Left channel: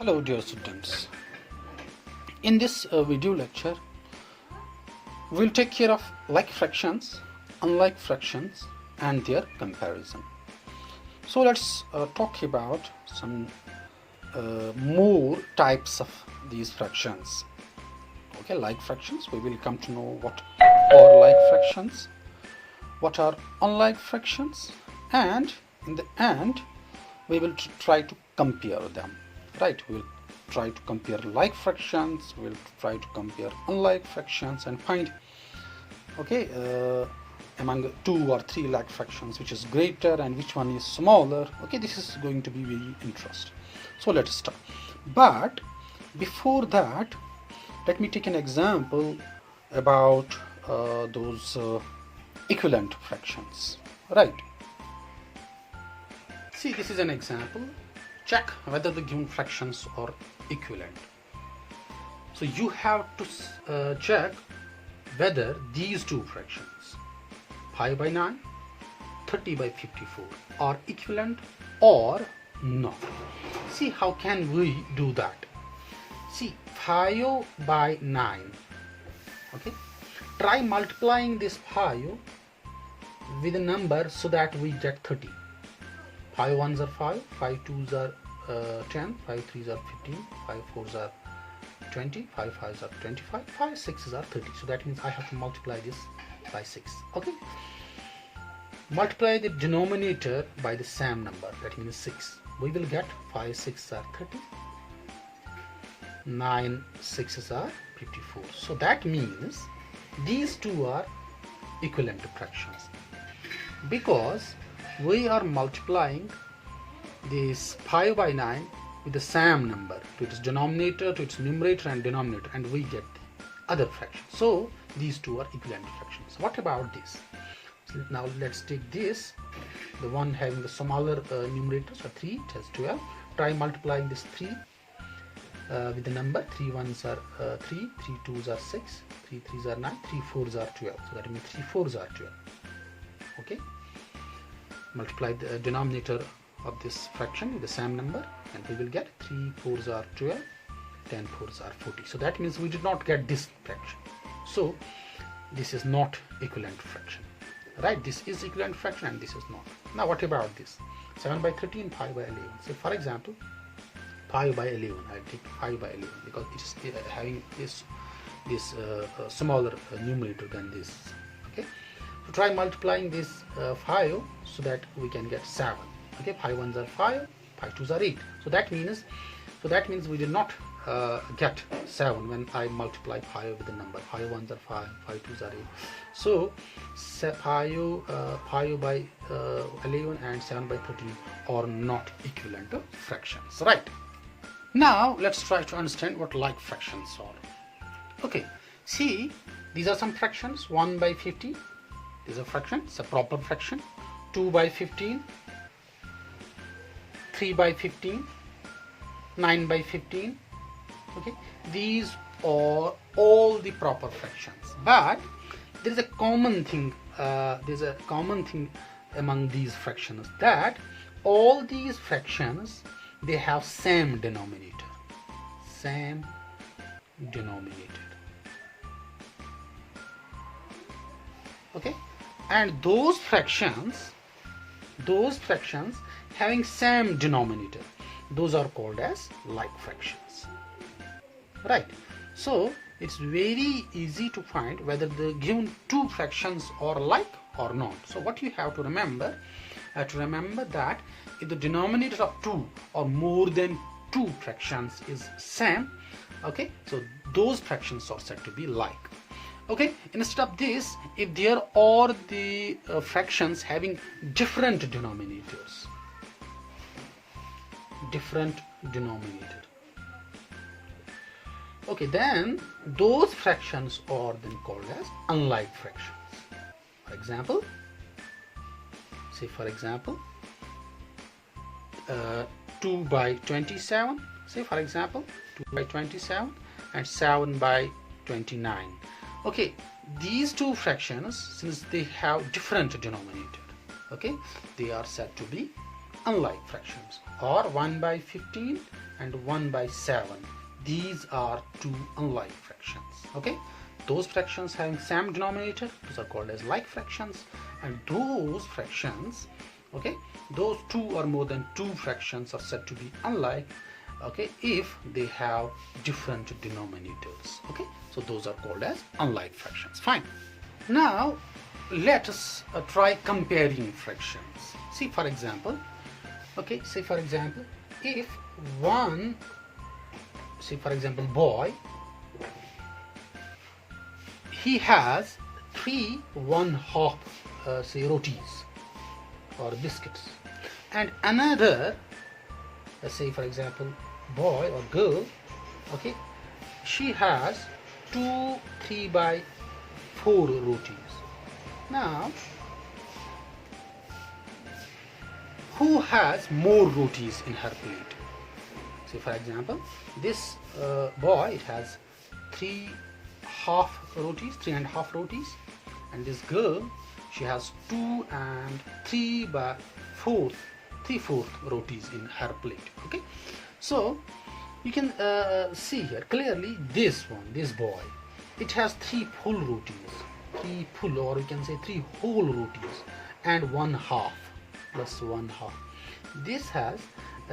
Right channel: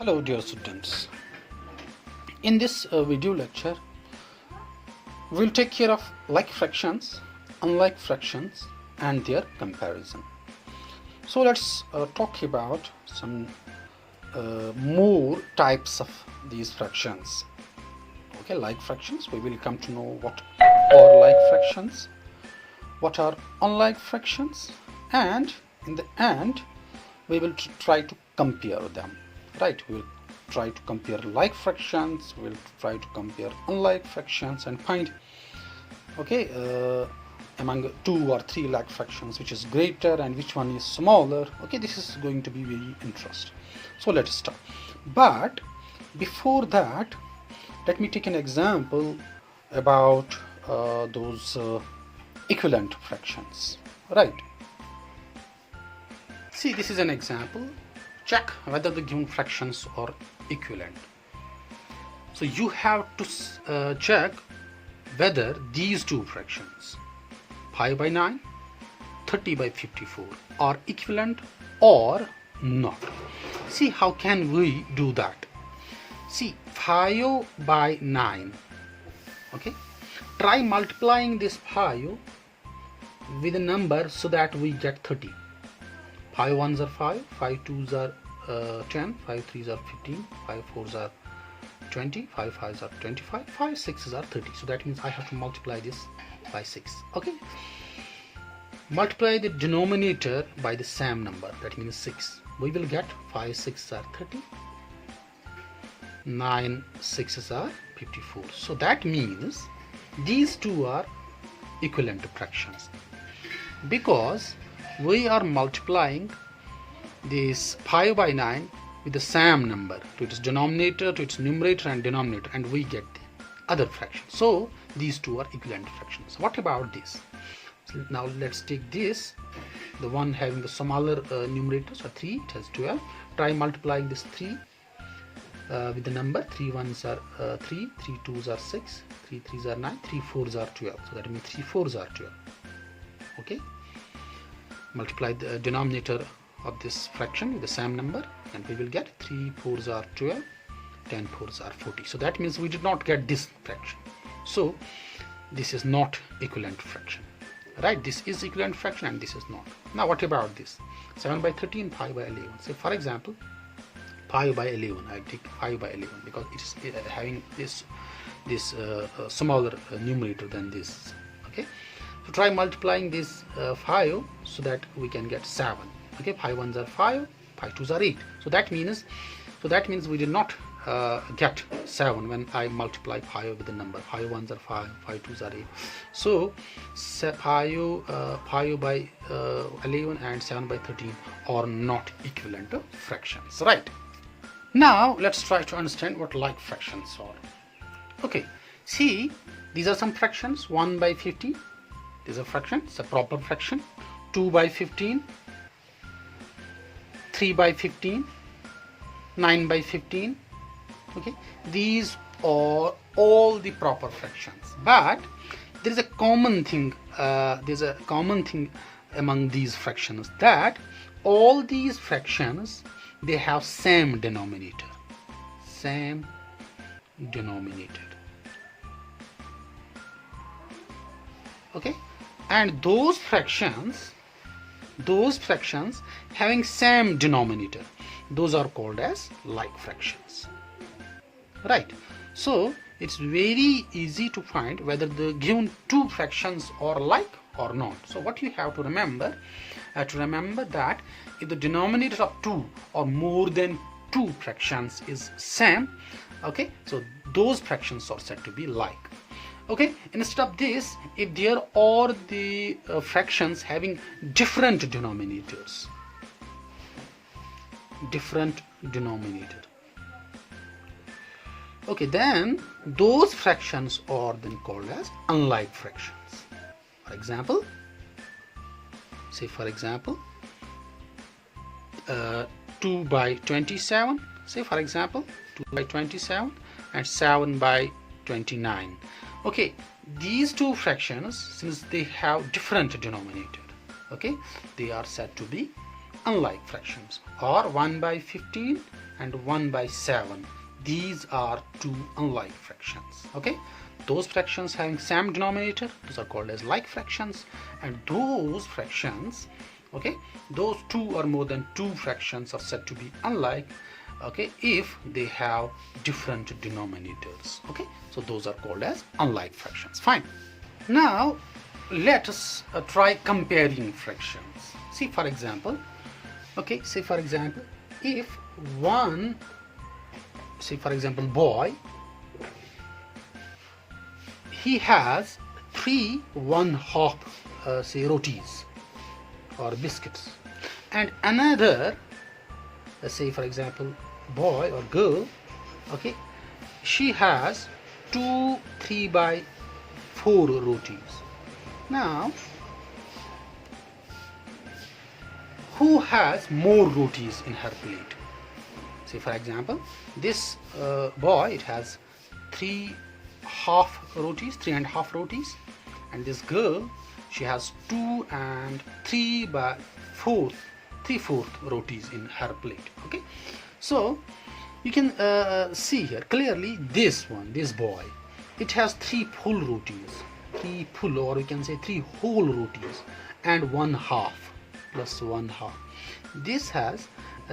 Hello dear students. In this video lecture we'll take care of like fractions, unlike fractions and their comparison. So let's talk about some more types of these fractions. Okay, like fractions, we will come to know what are like fractions, what are unlike fractions, and in the end we will try to compare them. Right, we'll try to compare like fractions, we'll try to compare unlike fractions and find among 2 or 3 like fractions which is greater and which one is smaller. Okay, this is going to be very interesting. So let us start. But before that, let me take an example about those equivalent fractions. Right, see, this is an example. Check whether the given fractions are equivalent. So you have to check whether these two fractions, pi by 9, 30 by 54, are equivalent or not. See, how can we do that? See, pi by 9. Okay, try multiplying this pi with a number so that we get 30. Pi 1s are 5, pi 2s are 10, pi 3s are 15, pi 4s are 20, pi 5s are 25, pi 6s are 30. So that means I have to multiply this by 6. Okay, multiply the denominator by the same number, that means 6. We will get 5 6s are 30, 9 6s are 54. So that means these two are equivalent fractions because we are multiplying this pi by 9 with the same number to its denominator, to its numerator and denominator, and we get the other fraction. So these two are equivalent fractions. What about this? So now let's take this, the one having the smaller numerator, so 3, it has 12. Try multiplying this 3 with the number 3 1s are 3, 3 2s are 6, 3 3s are 9, 3 4s are 12. So that means 3 4s are 12. Okay, multiply the denominator of this fraction with the same number and we will get 3 4s are 12, 10 4s are 40. So that means we did not get this fraction. So this is not equivalent fraction. Right, this is equivalent fraction and this is not. Now what about this? 7 by 13, pi by 11. So for example, pi by 11, I take pi by 11 because it's having this smaller numerator than this. Okay, so try multiplying this 5 so that we can get 7. Okay, pi 1s are 5, pi 2s are 8. So that means we did not get 7 when I multiply pi with the number. Pi 1s are 5, pi 2s are 8. So pi by 11 and 7 by 13 are not equivalent fractions. Right, now let's try to understand what like fractions are. Okay, see, these are some fractions. 1 by 15 is a fraction, it's a proper fraction. 2 by 15, 3 by 15, 9 by 15. Okay, these are all the proper fractions, but there is a common thing. Among these fractions, that all these fractions, they have same denominator. Okay, and those fractions having same denominator, those are called as like fractions. Right, so it's very easy to find whether the given two fractions are like or not. So what you have to remember, that if the denominators of 2 or more than 2 fractions is same, okay, so those fractions are said to be like. Okay, instead of this, if there are the fractions having different denominators, okay, then those fractions are then called as unlike fractions. For example, say for example 2 by 27, say for example 2 by 27 and 7 by 29. Okay, these two fractions, since they have different denominator, okay, they are said to be unlike fractions, or 1 by 15 and 1 by 7. These are two unlike fractions. Okay, those fractions having same denominator, those are called as like fractions, and those fractions, okay, those two or more than two fractions are said to be unlike, okay, if they have different denominators. Okay, so those are called as unlike fractions. Fine. Now let us try comparing fractions. See, for example, okay, say for example, if one, say for example, boy, he has 3 1/2 say rotis or biscuits, and another, let's say for example, boy or girl, okay, she has 2 3 by 4 rotis. Now, who has more rotis in her plate? Say for example, this boy, it has 3/2 rotis, 3.5 rotis, and this girl, she has 2 and 3 by 4, 3/4 rotis in her plate. Okay, so you can see here clearly this one, this boy, it has 3 full rotis, 3 full, or we can say 3 whole rotis, and 1/2 plus 1/2. This has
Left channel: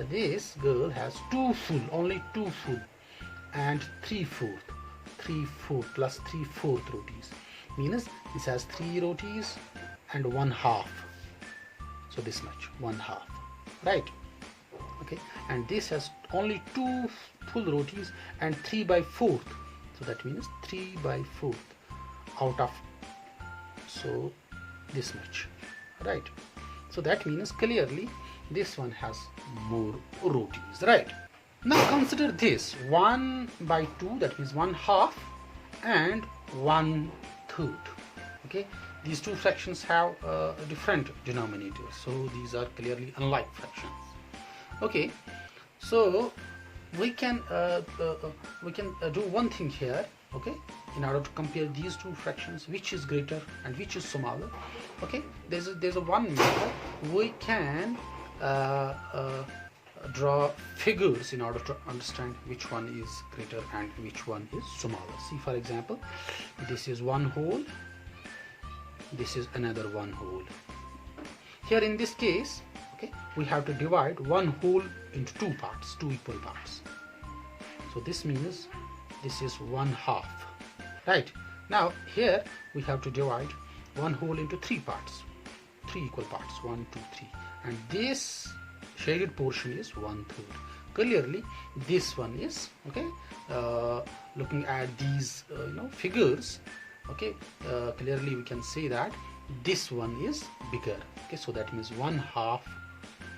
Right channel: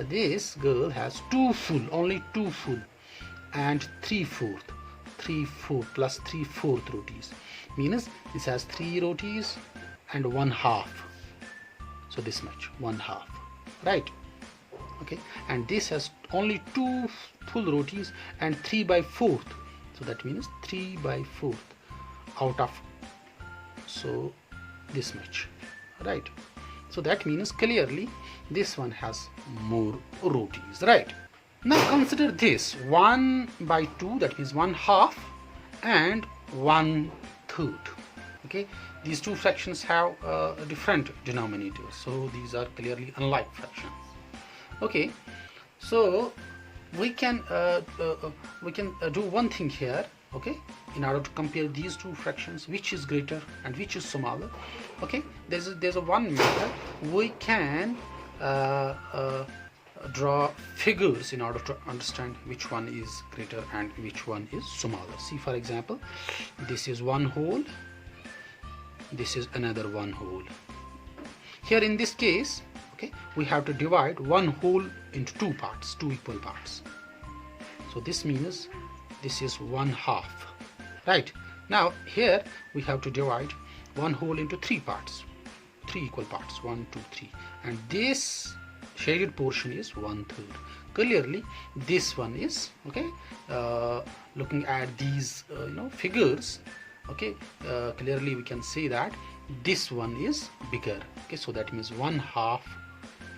this girl has 2 full, only 2 full, and 3/4 plus 3/4 rotis, means this has 3 rotis and 1/2, so this much, 1/2, right? Okay, and this has only 2 full rotis and 3 by 4, so that means 3 by 4 out of, so this much, right? So that means clearly this one has more rotis, right? Now consider this 1 by 2, that means 1/2 and 1/3. Okay, these two fractions have different denominators, so these are clearly unlike fractions. Okay, so we can do one thing here. Okay, in order to compare these two fractions, which is greater and which is smaller. Okay, there's a one method. We can draw figures in order to understand which one is greater and which one is smaller. See, for example, this is one whole, this is another one whole. Here in this case, okay, we have to divide one whole into two parts, two equal parts. So this means this is 1/2, right? Now here we have to divide one whole into 3 parts, 3 equal parts, 1 2 3, and this shaded portion is 1/3. Clearly this one is, okay, looking at these figures, okay, clearly we can see that this one is bigger. Okay, so that means 1/2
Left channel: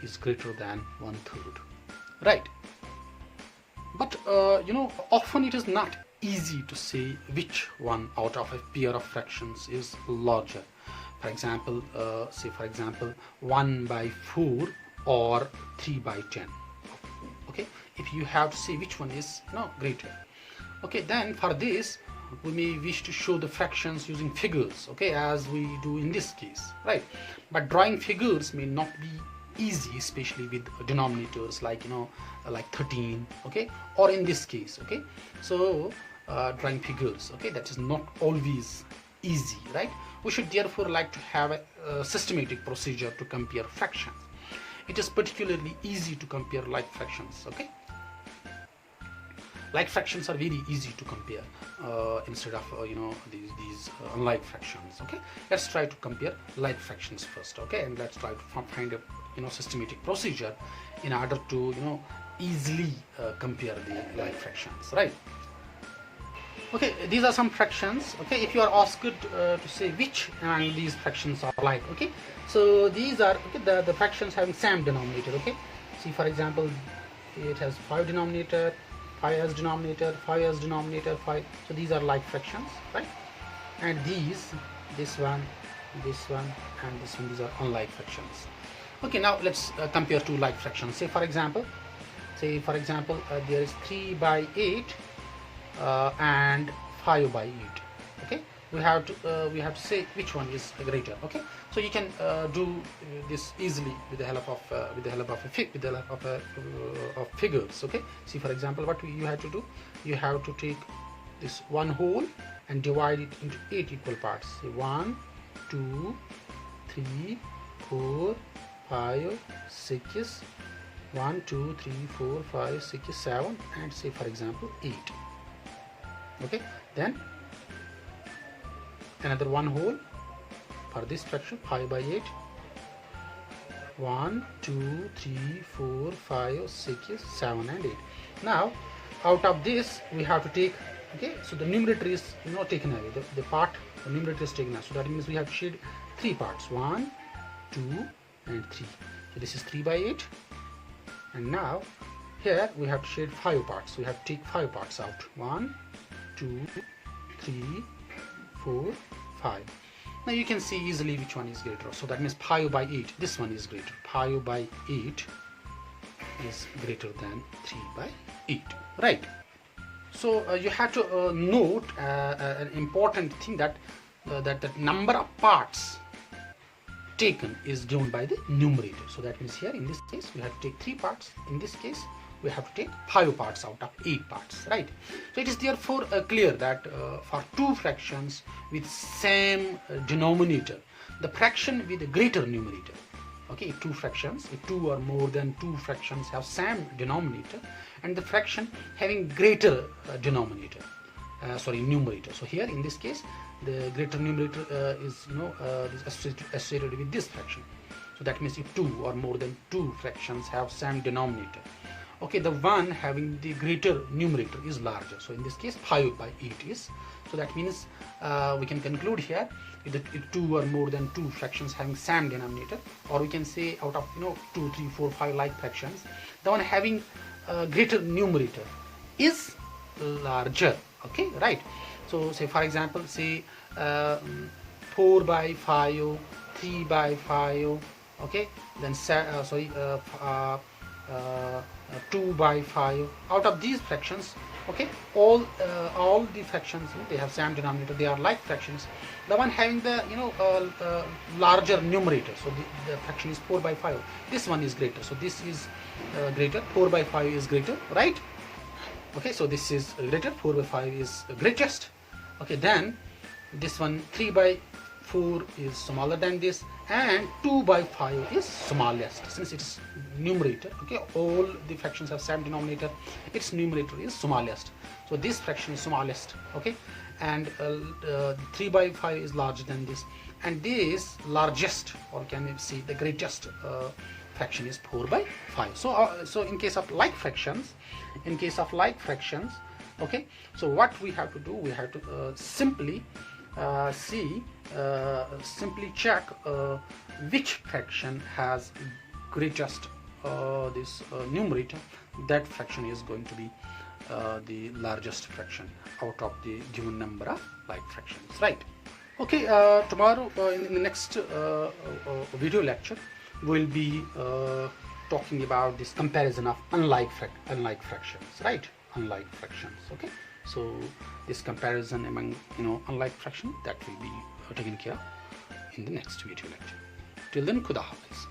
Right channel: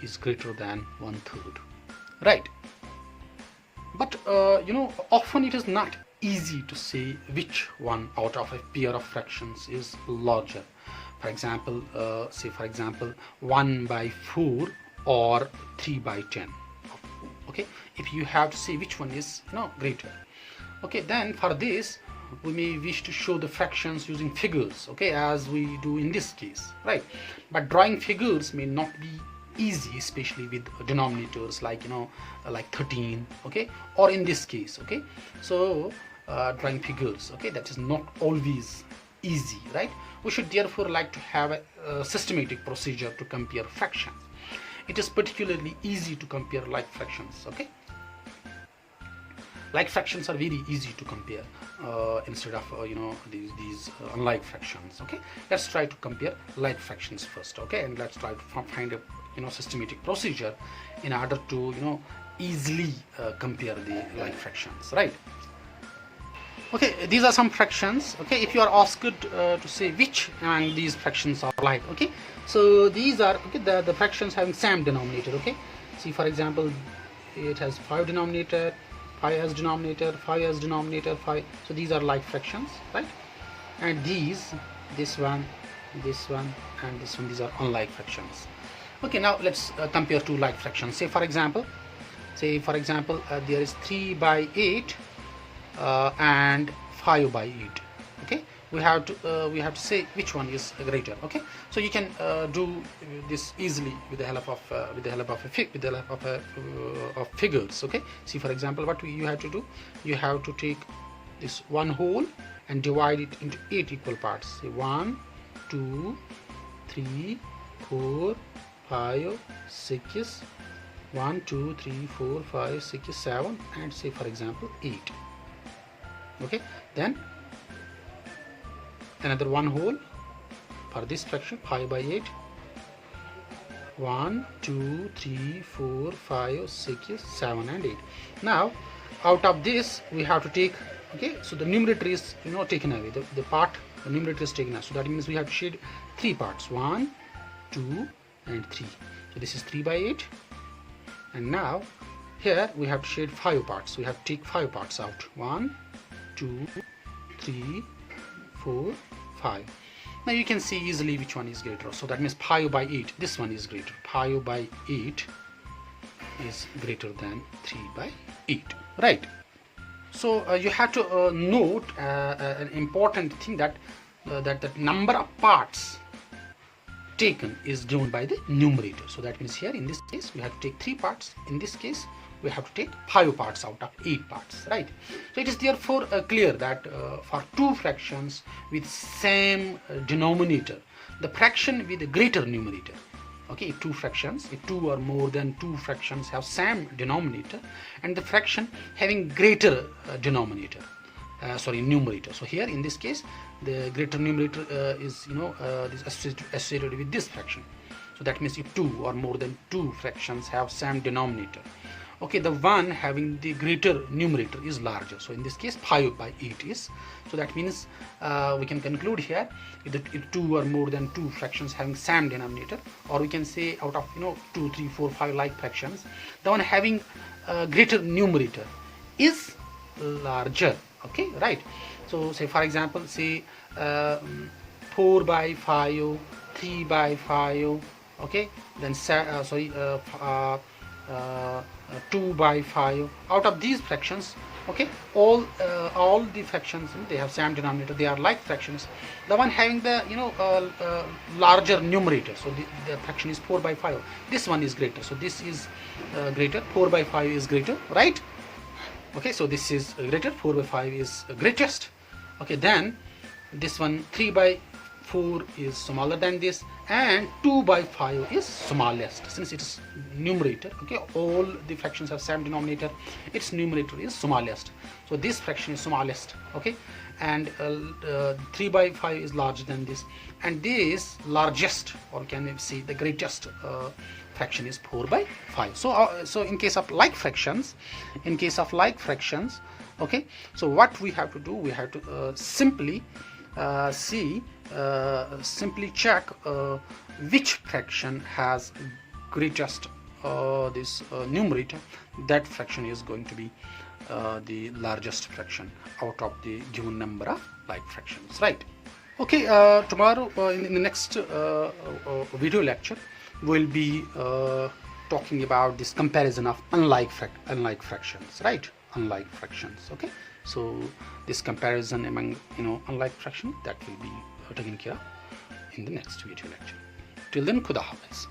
is greater than 1/3, right? But often it is not easy to say which one out of a pair of fractions is larger. For example, say for example 1 by 4 or 3 by 10. Okay, if you have to say which one is greater, okay, then for this we may wish to show the fractions using figures, okay, as we do in this case, right? But drawing figures may not be easy, especially with denominators like like 13, okay, or in this case, okay. So drawing figures, okay, that is not always easy, right? We should therefore like to have a systematic procedure to compare fractions. It is particularly easy to compare like fractions, okay. Like fractions are very easy to compare instead of these unlike fractions. Okay, let's try to compare like fractions first. Okay, and let's try to find a systematic procedure in order to easily compare the like fractions, right? Okay, these are some fractions. Okay, if you are asked to say which these fractions are like, okay, so these are the fractions having same denominator. Okay, see, for example, it has 5 denominator, 5 as denominator, 5 as denominator, 5. So these are like fractions, right? And this one, and this one, these are unlike fractions. Okay, now let's compare two like fractions. Say for example, there is 3 by 8 and 5 by 8. Okay, we have to say which one is greater. Okay, so you can do this easily with the help of figures. Okay, see, for example, what you have to do, you have to take this one whole and divide it into 8 equal parts. Say 1 2 3 4 5 6, 1 2 3 4 5 6 7, and say, for example, 8. Okay, then another one whole for this fraction, 5 by 8, 1 2 3 4 5 6 7 and 8. Now out of this we have to take, okay, so the numerator is taken away, the numerator is taken away, so that means we have to shade 3 parts, 1 2 and 3. So this is 3 by 8, and now here we have to shade 5 parts, so we have to take 5 parts out, 1 2 3 4 5. Now you can see easily which one is greater, so that means pi by 8, this one is greater, pi by 8 is greater than 3 by 8, right? So you have to note an important thing, that the number of parts taken is given by the numerator. So that means here in this case we have to take 3 parts, in this case we have to take 5 parts out of 8 parts, right? So it is therefore clear that for 2 fractions with same denominator, the fraction with a greater numerator, okay, if 2 or more than 2 fractions have same denominator, and the fraction having greater numerator, so here in this case the greater numerator is associated with this fraction. So that means if 2 or more than 2 fractions have same denominator, okay, the one having the greater numerator is larger. So in this case 5 by 8 is, so that means we can conclude here if 2 or more than 2 fractions having same denominator, or we can say out of 2 3 4 5 like fractions, the one having greater numerator is larger, okay, right? So say, for example, say 4 by 5, 3 by 5, okay, then 2 by 5. Out of these fractions, okay, all the fractions, they have same denominator, they are like fractions. The one having the larger numerator, so the fraction is 4 by 5, this one is greater, so this is greater, 4 by 5 is greater, right? Okay, so this is greater, 4 by 5 is greatest. Okay, then this one 3 by 4 is smaller than this, and 2 by 5 is smallest, since it is numerator, okay, all the fractions have same denominator, its numerator is smallest, so this fraction is smallest, okay, and 3 by 5 is larger than this, and this largest, or can we say the greatest fraction is 4 by 5. So in case of like fractions, okay, so what we have to do, we have to simply simply check which fraction has greatest this numerator. That fraction is going to be the largest fraction out of the given number of like fractions, right? Okay, tomorrow in the next video lecture we'll be talking about this comparison of unlike fractions, right? Unlike fractions, okay, so this comparison among unlike fraction, that will be taken care of in the next video lecture. Till then, Khuda Hafiz.